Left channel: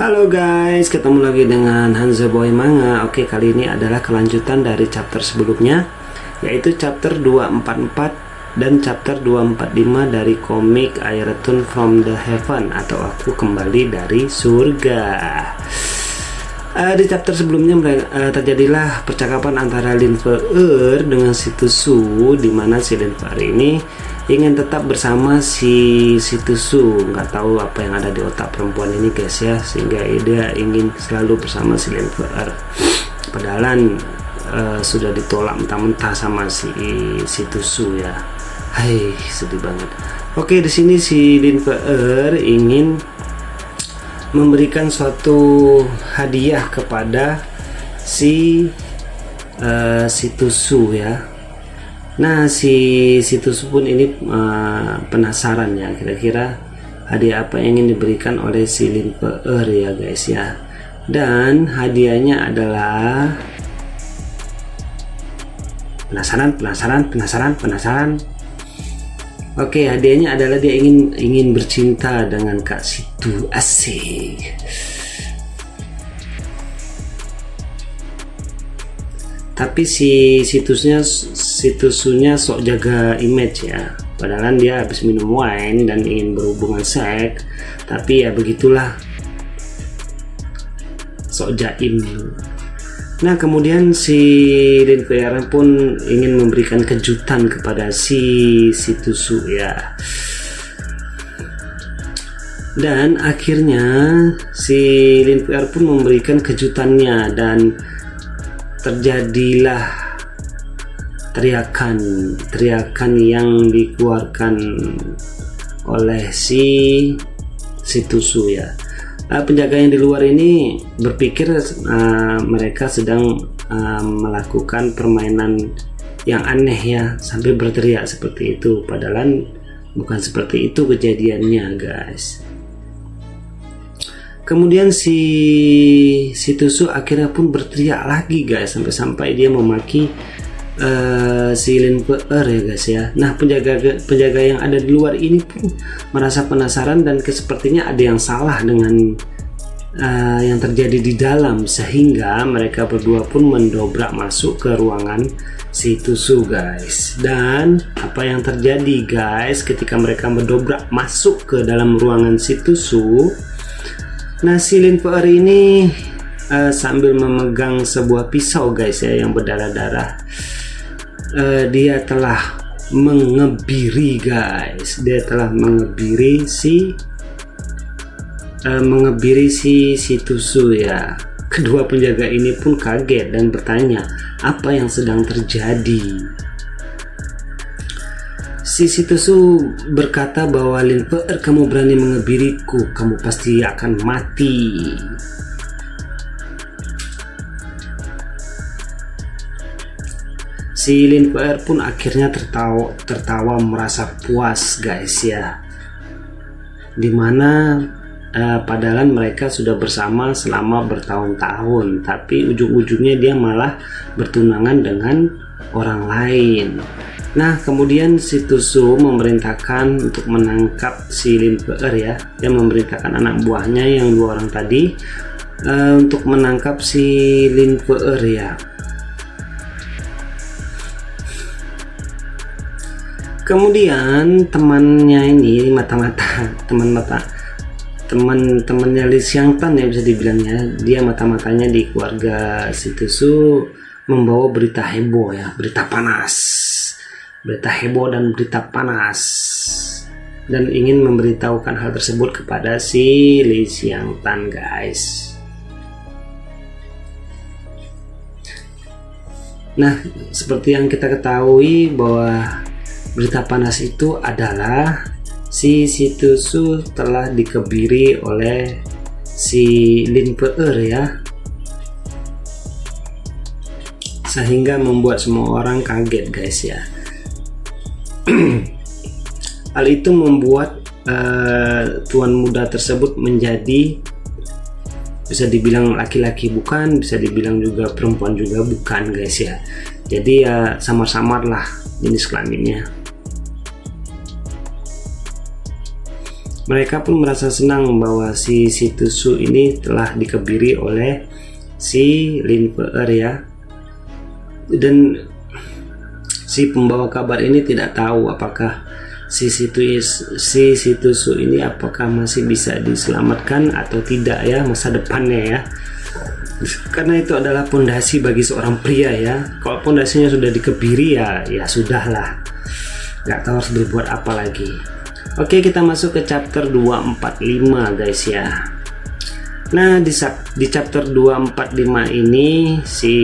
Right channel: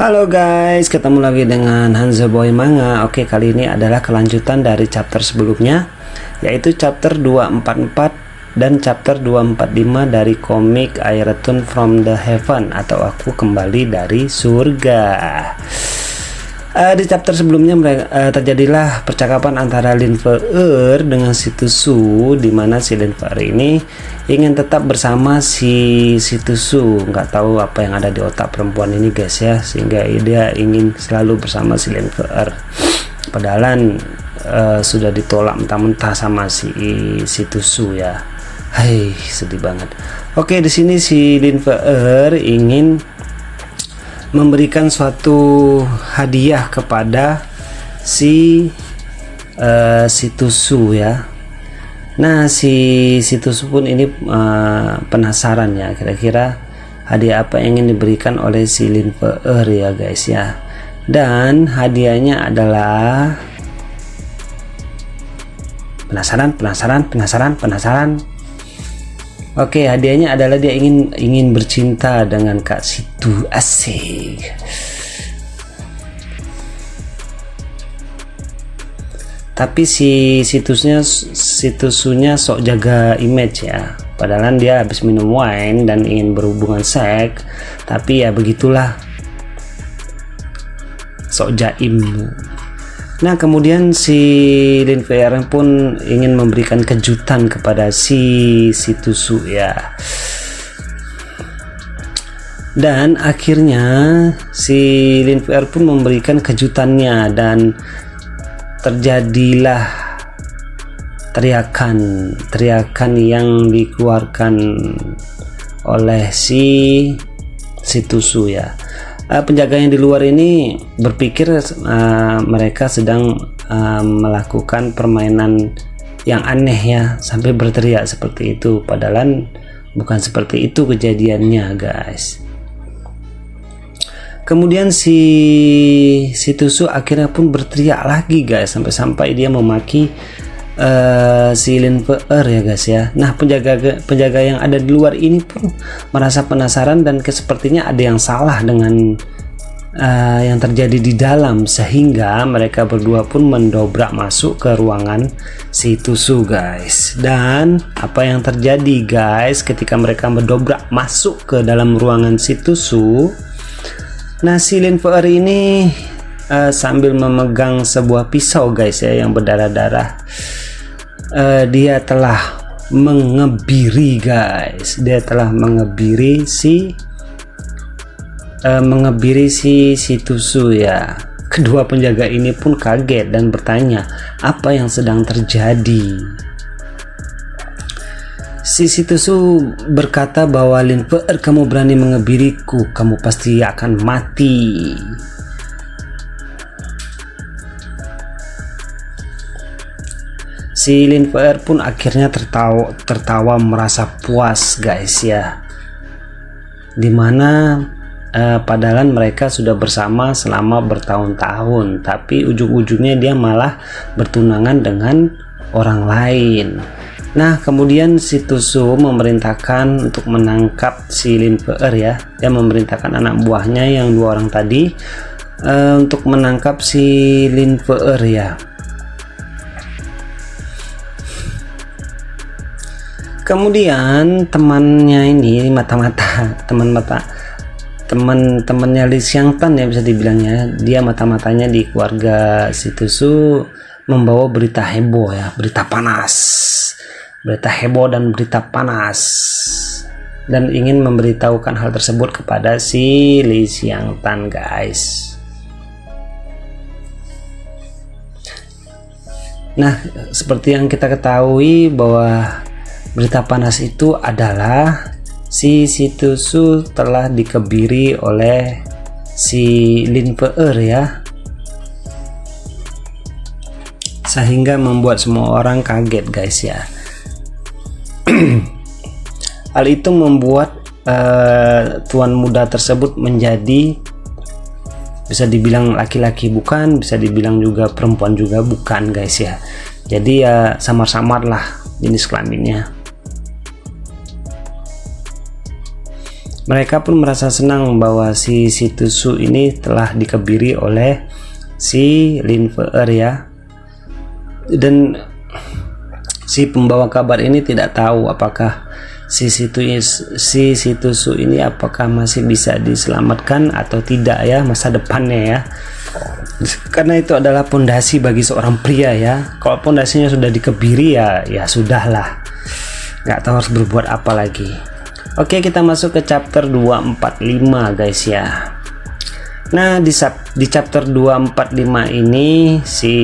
Halo guys, ketemu lagi dengan Hanzo Boy Manga. Oke, kali ini adalah kelanjutan dari chapter sebelumnya, yaitu chapter 244 dan chapter 245 dari komik I Return from the Heaven atau Aku Kembali dari Surga. Di chapter sebelumnya terjadilah percakapan antara Linfeer dengan si Tusu, di mana si Linfeer ini ingin tetap bersama si Tusu. Nggak tahu apa yang ada di otak perempuan ini guys ya, sehingga dia ingin selalu bersama si Linfeer. Padahal sudah ditolak mentah-mentah sama si Tusu ya. Hai, sedih banget. Oke, di sini si Linfeer ingin memberikan suatu hadiah kepada si Tusu ya. Nah, si Tusu pun ini penasaran ya, kira-kira hadiah apa yang ingin diberikan oleh si Linfeer ya guys ya. Dan hadiahnya adalah penasaran. Oke, hadiahnya adalah dia ingin bercinta dengan Kak Situ. Asik. Tapi si Tusunya sok jaga image ya. Padahal dia habis minum wine dan ingin berhubungan seks, tapi ya begitulah. Sok jaim. Nah, kemudian si Linfeer pun ingin memberikan kejutan kepada si Tusu ya. Dan akhirnya si Linfeer pun memberikan kejutannya dan terjadilah teriakan yang dikeluarkan oleh si Tusu ya. Penjaga yang di luar ini berpikir mereka sedang melakukan permainan yang aneh ya, sampai berteriak seperti itu, padahal bukan seperti itu kejadiannya guys. Kemudian si Tusu akhirnya pun berteriak lagi guys, sampai dia memaki si Linfeer ya guys ya. Nah, penjaga yang ada di luar ini pun merasa penasaran dan sepertinya ada yang salah dengan yang terjadi di dalam, sehingga mereka berdua pun mendobrak masuk ke ruangan si Tusu guys. Dan apa yang terjadi guys ketika mereka mendobrak masuk ke dalam ruangan si Tusu? Nah, si Linfeer ini sambil memegang sebuah pisau guys ya yang berdarah-darah. Dia telah mengebiri guys. Dia telah mengebiri si Tusu ya. Kedua penjaga ini pun kaget dan bertanya apa yang sedang terjadi. Si Tusu berkata bahwa Linfeer, kamu berani mengebiriku, kamu pasti akan mati. Si Linfeer pun akhirnya tertawa merasa puas guys ya. Dimana padahal mereka sudah bersama selama bertahun-tahun, tapi ujung-ujungnya dia malah bertunangan dengan orang lain. Nah, kemudian si Tusu memerintahkan untuk menangkap si Linfeer ya. Dia memerintahkan anak buahnya yang 2 orang tadi untuk menangkap si Linfeer ya. Kemudian temannya ini teman-temannya Li Xiangtan ya, bisa dibilangnya dia mata-matanya di keluarga si Tusu, membawa berita heboh ya, berita heboh dan berita panas, dan ingin memberitahukan hal tersebut kepada si Li Xiangtan guys. Nah, seperti yang kita ketahui bahwa berita panas itu adalah si Tusu telah dikebiri oleh si Linfeer ya, sehingga membuat semua orang kaget guys ya. Hal itu membuat tuan muda tersebut menjadi, bisa dibilang laki-laki bukan, bisa dibilang juga perempuan juga bukan guys ya. Jadi ya samar-samar lah jenis kelaminnya. Mereka pun merasa senang bahwa si Tusu ini telah dikebiri oleh si Lin Fe-er ya. Dan si pembawa kabar ini tidak tahu apakah si Tusu ini apakah masih bisa diselamatkan atau tidak ya masa depannya ya. Karena itu adalah pondasi bagi seorang pria ya. Kalau pondasinya sudah dikebiri ya sudahlah. Nggak tahu harus berbuat apa lagi. Oke, kita masuk ke chapter 245 guys ya. Nah, di chapter 245 ini si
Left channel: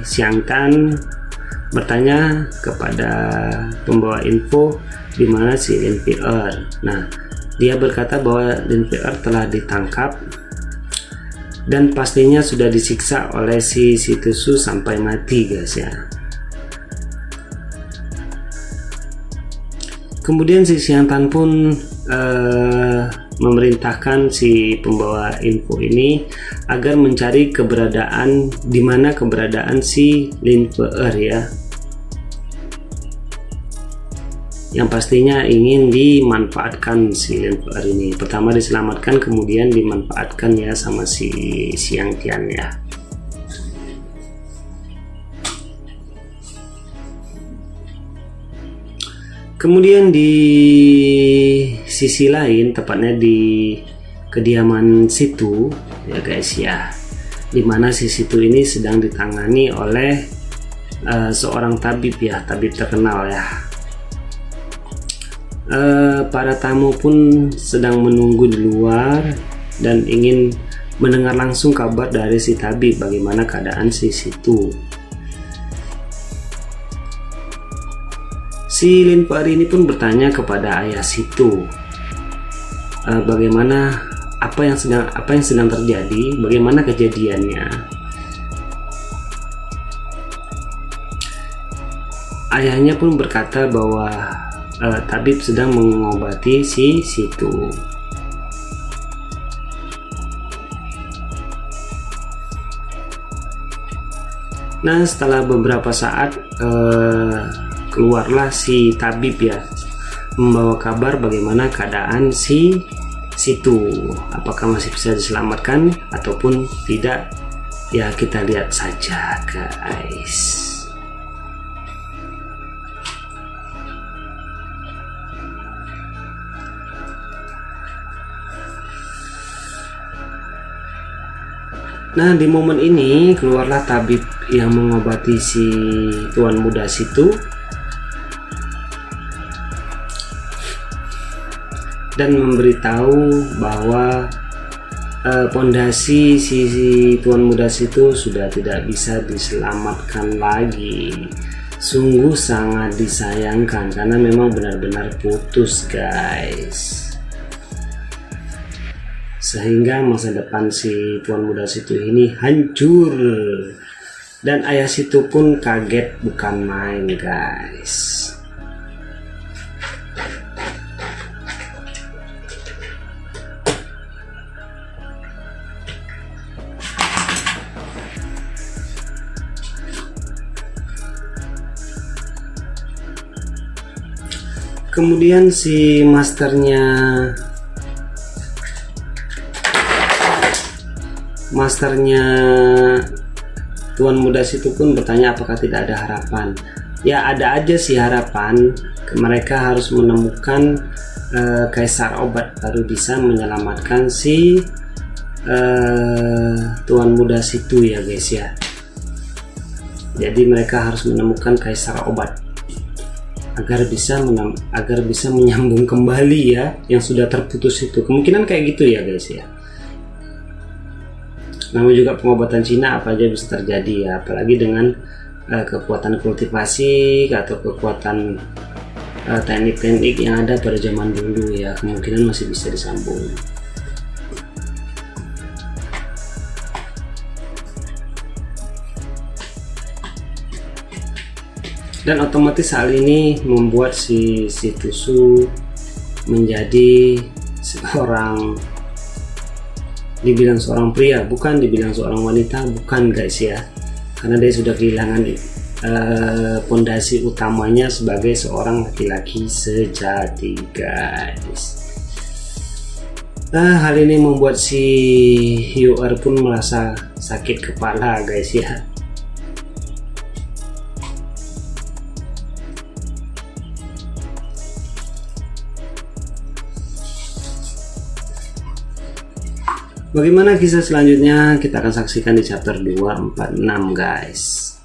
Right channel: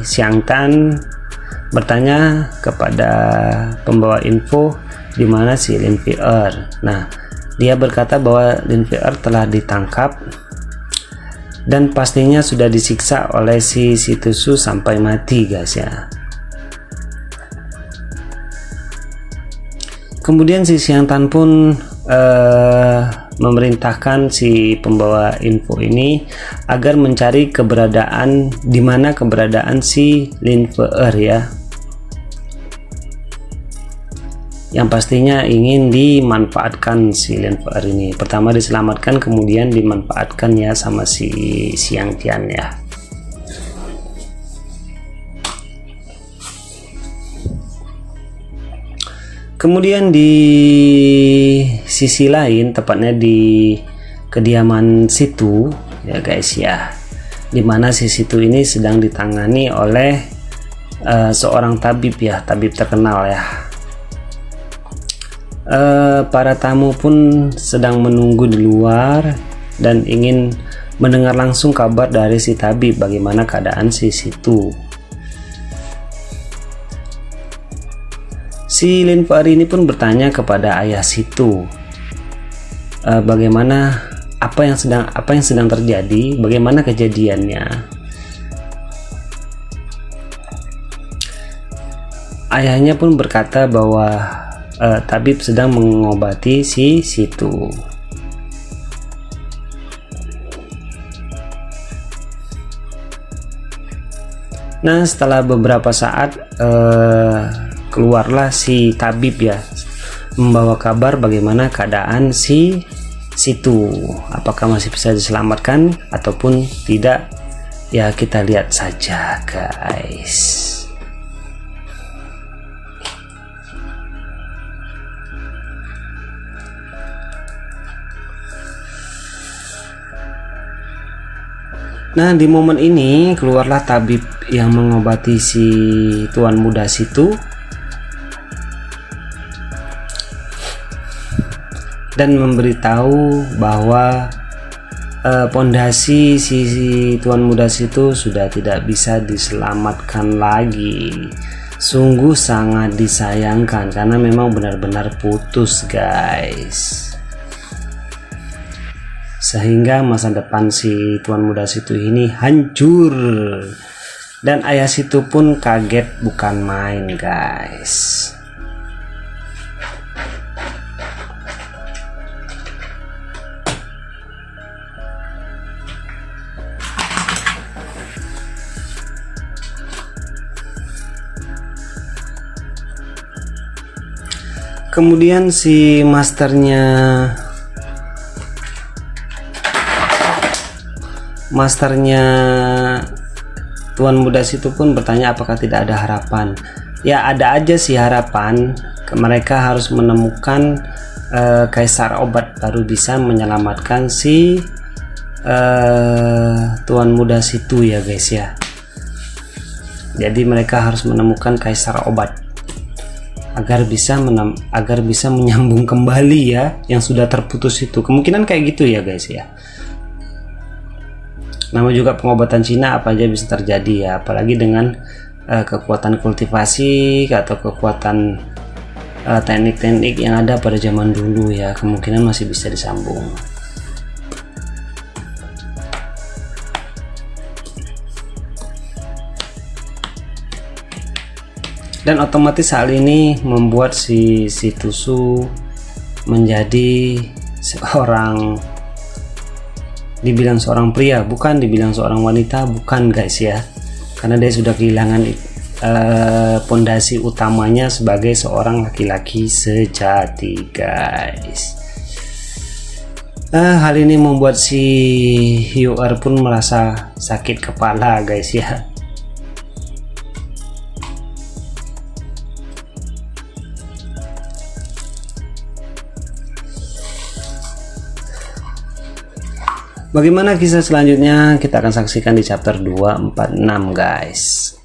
Xiang Tan bertanya kepada pembawa info di mana si Lin Fe-er. Nah, dia berkata bahwa Lin Fe-er telah ditangkap dan pastinya sudah disiksa oleh si Tusu sampai mati guys ya. Kemudian si Xiang Tan pun memerintahkan si pembawa info ini agar mencari keberadaan si Lin Fe-er ya. Yang pastinya ingin dimanfaatkan si Lin Fe-er ini. Pertama diselamatkan, kemudian dimanfaatkan ya sama si Xiang Tian ya. Kemudian di sisi lain, tepatnya di kediaman situ ya guys ya, dimana si situ ini sedang ditangani oleh seorang tabib ya, tabib terkenal ya. Para tamu pun sedang menunggu di luar dan ingin mendengar langsung kabar dari si tabib bagaimana keadaan si situ. Si Lin Fe-er ini pun bertanya kepada ayah situ bagaimana apa yang sedang terjadi, bagaimana kejadiannya. Ayahnya pun berkata bahwa tabib sedang mengobati si situ. Nah, setelah beberapa saat keluarlah si tabib ya, membawa kabar bagaimana keadaan si situ, apakah masih bisa diselamatkan ataupun tidak ya, kita lihat saja guys. Nah, di momen ini keluarlah tabib yang mengobati si tuan muda situ dan memberitahu bahwa pondasi si tuan muda situ sudah tidak bisa diselamatkan lagi. Sungguh sangat disayangkan karena memang benar-benar putus guys, sehingga masa depan si tuan muda situ ini hancur dan ayah situ pun kaget bukan main guys. Kemudian si masternya tuan muda situ pun bertanya apakah tidak ada harapan. Ya, ada aja sih harapan. Mereka harus menemukan kaisar obat baru bisa menyelamatkan si tuan muda situ ya guys ya. Jadi mereka harus menemukan kaisar obat agar bisa menyambung kembali ya yang sudah terputus itu. Kemungkinan kayak gitu ya guys ya. Namun juga pengobatan Cina apa aja bisa terjadi ya, apalagi dengan kekuatan kultivasi atau kekuatan teknik-teknik yang ada pada zaman dulu ya, kemungkinan masih bisa disambung. Dan otomatis hal ini membuat si Tusu menjadi dibilang seorang pria, bukan dibilang seorang wanita, bukan guys ya, karena dia sudah kehilangan pondasi utamanya sebagai seorang laki-laki sejati guys. Hal ini membuat si UR pun merasa sakit kepala guys ya. Bagaimana kisah selanjutnya kita akan saksikan di chapter 246 guys.